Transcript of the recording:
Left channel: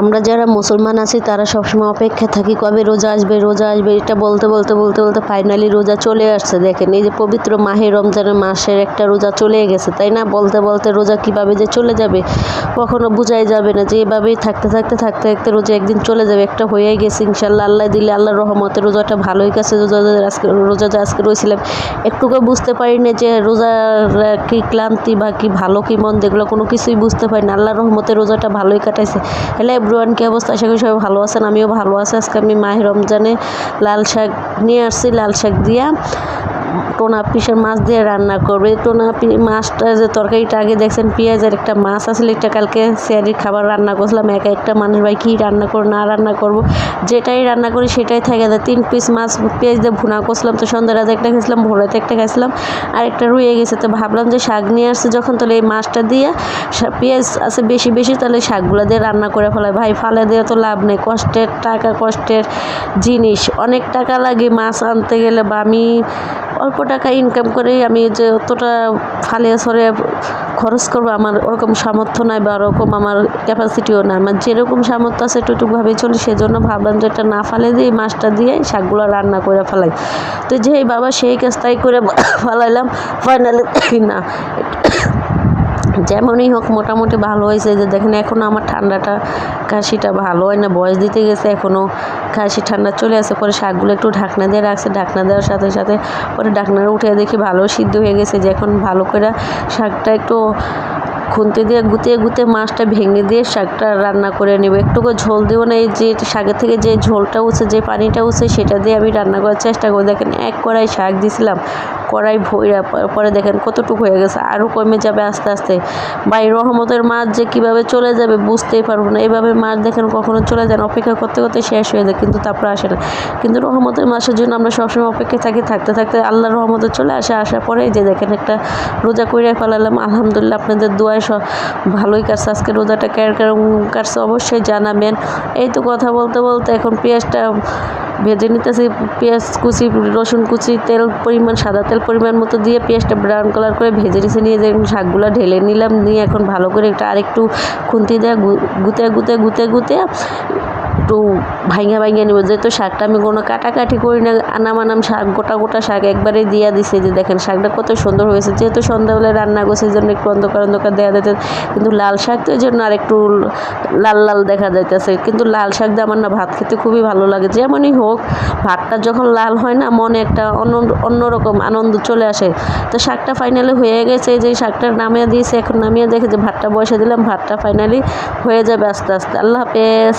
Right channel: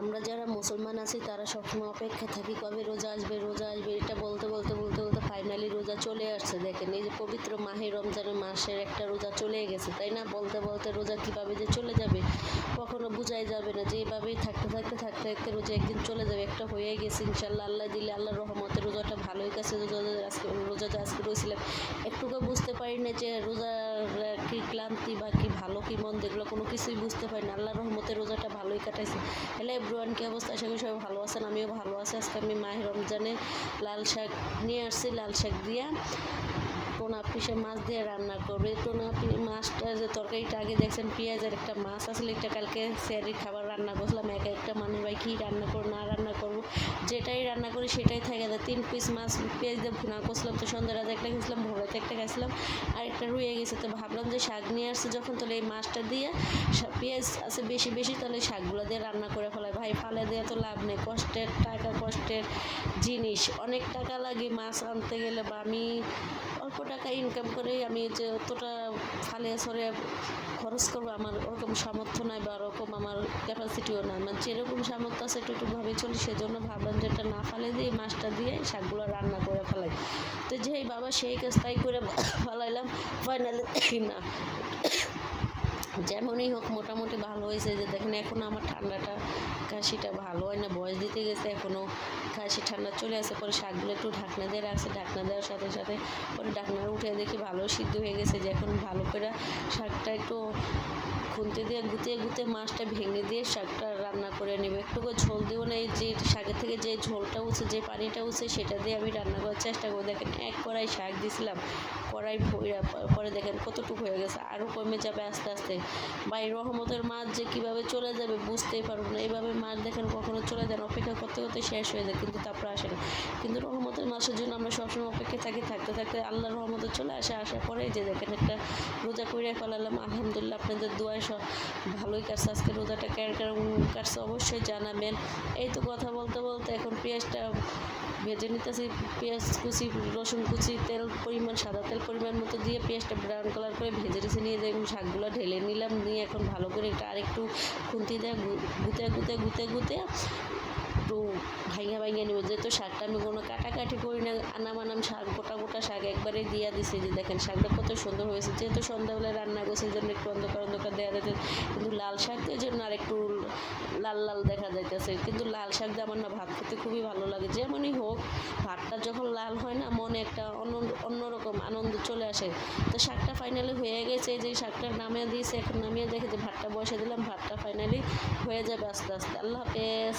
আমরা যারা মুসলমান আছি তারা সবসময় অপেক্ষায় থাকি কবে রোজা আসবে এটা বলতে বলতে বলতে বলতে ফাইনালি রোজা চলে আসছে। দেখেন এই যে পবিত্র মাহে রমজানের মাসের একটা রোজা চলে গেছে, তাই না? বলতে বলতে রোজা কিভাবে যে চলে যাবে কখনো বোঝাই যাবে না, যে এভাবেই থাকতে থাকতে থাকতে থাকতে রোজা একদিন চলে যাবে। একটা হয়েই গেছে ইনশাল্লাহ, আল্লাহ দিলে আল্লাহর রহমতে রোজাটা ভালোই গেছে। রোজা যে আজকে রয়েছিলাম একটুকু বুঝতে পারি না যে রোজার কি ক্লান্তি বা কি ভালো কি মন্দ এগুলো কোনো কিছুই বুঝতে পারি না। আল্লাহর রহমতে রোজাটা ভালোই কাটাইছে। হ্যালো এভরিওয়ান, কী অবস্থা? আশা করি সবাই ভালো আছেন, আমিও ভালো আছি। আজকে আমি মাহে রমজানে লাল শাক নিয়ে আসছি, লাল শাক দিয়া টোনা পিসের মাছ দিয়ে রান্না করবে। টোনা মাছটা যে তরকারিটা আগে দেখছেন পেঁয়াজের একটা মাছ আসলে একটা কালকে সিয়ারির খাবার রান্না করছিলাম। একটা মানুষ ভাই কী রান্না করবো না রান্না করবো, যেটাই রান্না করি সেটাই থাকে যায়। 3 পিস মাছ পেঁয়াজ দিয়ে ভুনা করছিলাম, তো সন্ধ্যার রাতে একটা খেয়েছিলাম, ভোরাতে একটা খাইছিলাম, আর একটা রয়ে গেছে। তো ভাবলাম যে শাক নিয়ে আসছে যখন, তাহলে এই মাছটা দিয়ে পেঁয়াজ আছে বেশি বেশি, তাহলে শাকগুলো দিয়ে রান্না করে ফেলাই। ভাই ফালে দিয়ে তো লাভ নেই, কষ্টের টাকা কষ্টের জিনিস, অনেক টাকা লাগে মাছ আনতে গেলে। বা আমি অল্প টাকা ইনকাম করে আমি যে অতটা ফালে সরে খরচ করবো আমার ওরকম সামর্থ্য নাই, বা ওরকম আমার ক্যাপাসিটিও না। আমার যেরকম সামর্থ্য আছে একটুভাবে চলি, সেজন্য ভাবলাম যে এটা না ফালে দিয়ে মাছটা দিয়ে শাকগুলো রান্না করে ফেলাই। তো যেই বাবা সেই কাজ তাই করে ফেলাইলাম। ফাইনালি না যেমনই হোক মোটামুটি ভালো হয়েছে। যে দেখেন এখনও আমার ঠান্ডাটা কাশিটা ভালো হয় না, বয়স দিতে গেছে এখনও কাশি ঠান্ডা চলে আসে। পরে শাকগুলো একটু ঢাকনা দিয়ে রাখছে, ঢাকনা দেওয়ার সাথে সাথে পরে ঢাকনাটা উঠে দেখি ভালো সিদ্ধ হয়ে গেছে। যে এখন ভালো করে শাকটা একটু খুন্তি দিয়ে গুতিয়ে গুতিয়ে মাছটা ভেঙে দিয়ে শাকটা রান্না করে নেব। একটুকু ঝোল দেবো না, এই যে শাকের থেকে যে ঝোলটা উঠছে, যে পানিটা উঠছে, সেটা দিয়ে আমি রান্না করার চেষ্টা করি। দেখেন এক কড়াই শাক দিয়েছিলাম, কড়াই ভইরা পরে দেখেন কতটুকু হয়ে গেছে, আরও কমে যাবে আস্তে আস্তে। ভাই রহমতের মাছ যে কীভাবে চলে যাবে বুঝতেই পারবো না। এভাবে মাছ দেখেন কখনো চলে যায় না, অপেক্ষা করতে করতে শেষ হয়ে যায়, কিন্তু তারপরে আসে না। কিন্তু রহমতের মাছের জন্য আমরা সবসময় অপেক্ষায় থাকি, থাকতে থাকতে আল্লাহর রহমতে চলে আসে। আসার পরে যে দেখেন একটা রোজা করে ফেলালাম। আলহামদুলিল্লাহ আপনাদের দোয়ায় ভালোই কাটছে। আজকে রোজাটা কেরকম কাটছে অবশ্যই জানাবেন। এই তো কথা বলতে বলতে এখন পেঁয়াজটা ভেজে নিতেছি। পেঁয়াজ কুচি, রসুন কুচি, তেল পরিমাণ, সাদা তেল পরিমাণ মতো দিয়ে পেঁয়াজটা ব্রাউন কালার করে ভেজে নিচে নিয়ে যে শাকগুলো ঢেলে নিলাম, নিয়ে এখন ভালো করে একটা আরেকটু খুন্তি দিয়ে গুতে একটু ভাইঙা নেব। যেহেতু শাকটা আমি কোনো কাটাকাটি করি না, আনাম শাক গোটা শাক একবারে দিয়ে দিছে। যে দেখেন শাকটা কত সুন্দর হয়েছে। যেহেতু সন্ধ্যাবেলায় রান্না করছে এই জন্য একটু অন্ধকার দেওয়া যেতে, কিন্তু লাল শাক তো এই জন্য আর একটু লাল দেখা যাইতেছে। কিন্তু লাল শাক দিয়ে আমার না ভাত খেতে খুবই ভালো লাগে। যেমনই হোক ভাতটা যখন লাল হয় না, মনে একটা অন্যরকম আনন্দ চলে আসে। তো শাকটা ফাইনালি হয়ে গেছে, যে শাকটা নামিয়ে দিয়েছে, এখন নামিয়ে দেখে যে ভাতটা বসে দিলাম, ভাতটা ফাইনালি হয়ে যাবে আস্তে আস্তে। আল্লাহ হাফেজ।